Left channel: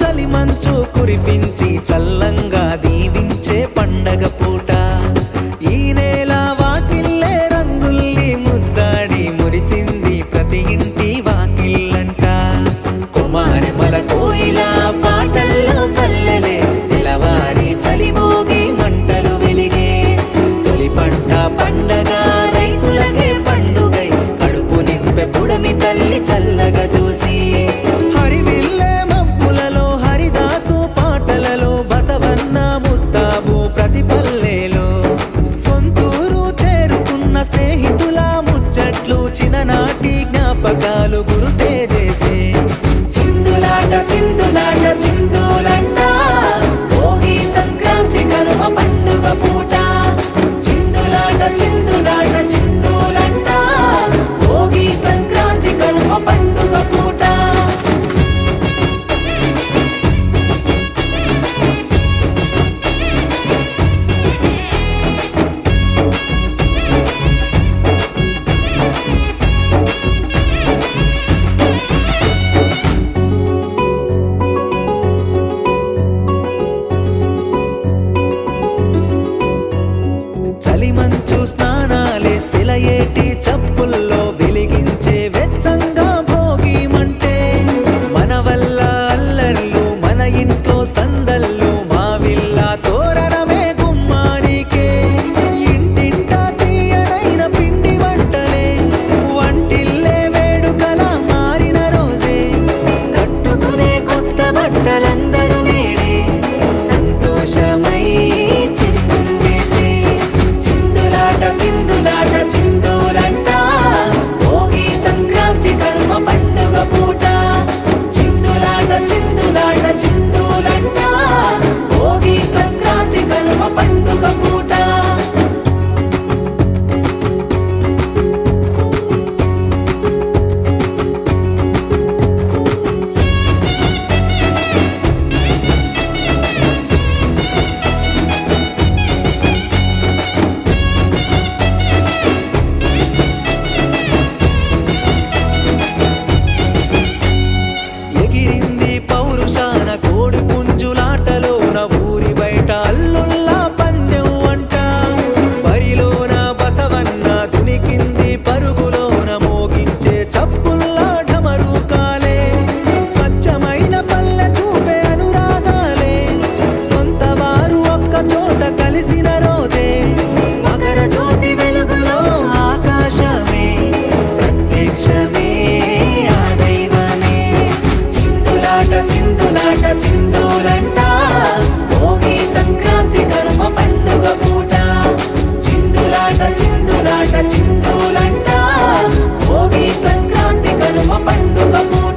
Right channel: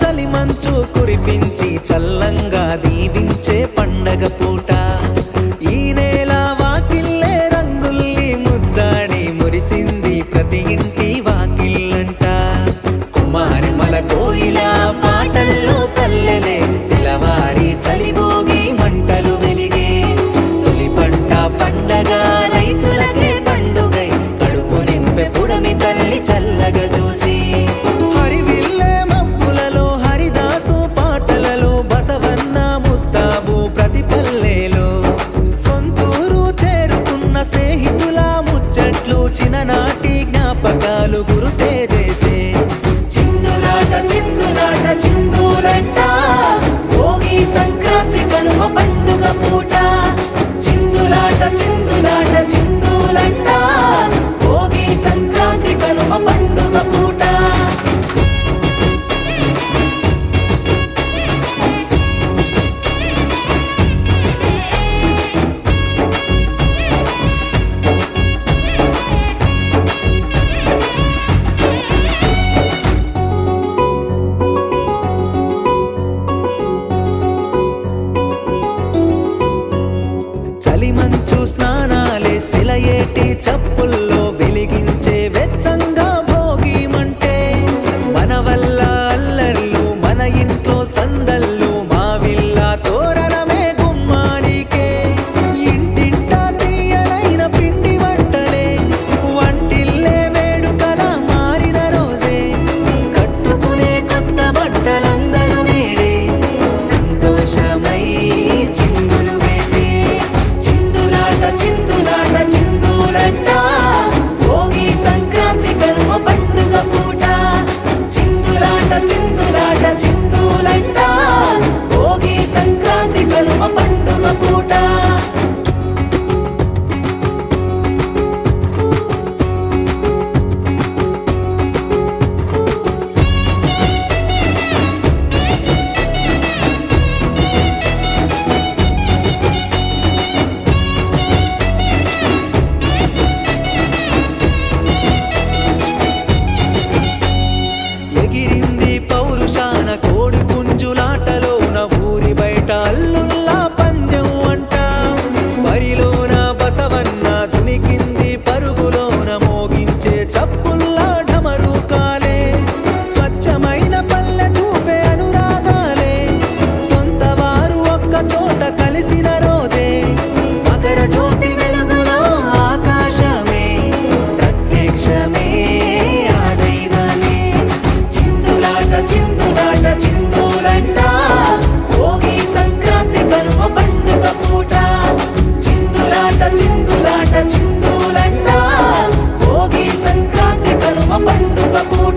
చలి మంచు కురిపించి చల్లంగా దీవించే పండగ పూట ఈ నేల వాకిల్లే రంగుల్ని ముద్దాడి మురిసింది ప్రతి ఇంటి వాకిల్లంట కుమారిమల కోయిల పాటల్లో పల్లెలే తెలవారి చలిభోగి మంటలు వెలిగే తొలి పంట పండగ రైతులకే పండుగై కడుపు నింపె పుడమి తల్లి చల్లగా చూసి హరివిల్లే మబ్బులలో హరిదాసు పాటలలో బసవన్న ముస్తాబు ప్రతి పల్లెలో సొంతూరు చేరుకున్న స్నేహితుల ముచ్చట్లు చిన్ననాటి జ్ఞాపకాలు గుర్తే చేసే చిందులాట చిందులాట చిందులంట భోగి సంక్రాంతి కనుమ పండుగ పూట చిందులాట చిందులాట చిందులంట భోగి సంక్రాంతి కనుమ పండుగ పూట చలి మంచు స్నానాలే సెలయేటి చప్పుల్లో వెలిగించే వెచ్చంగా భోగి మంటే మన వల్ల అల్లర్లు మన ఇంట్లో సందళ్ళు మావిల్ల తోరణమే గుమ్మానికే ఇంటింటా తీయనైన పిండి వంటలే వంటిల్లే వేడుకల మారిన రోజే కట్టుకునే కొత్త బట్టలందరూ నేడే సంతోషమై చిందులు వేసే చిందులాట చిందులంట భోగి సంక్రాంతి కనుమ పండుగ పూట చిందులాట చిందులాట చిందులంట భోగి సంక్రాంతి కనుమ పండుగ పూట ఎగిరింది పౌరుషాన కోడి పుంజులాటలోన ఊరి బయట అల్లుల్లా పందెం అంట బరిలోన బసవన్న దునికింది పరుగులోన మోగించే చప్పుల్లా ఢమరుకాలే స్వచ్ఛమైన పల్లె చూపే అనురాగాలే సొంత వారు ఒక్క చోట కలిసిన రోజే మకర జ్యోతి వెలుగులో ఆకాశమే ప్రత్యక్షమే ఆ దైవమే చిందులాట చిందులంట భోగి సంక్రాంతి కనుమ పండుగ పూట చిందులాట చిందులాట చిందులంట భోగి సంక్రాంతి కనుమ పండుగ పూట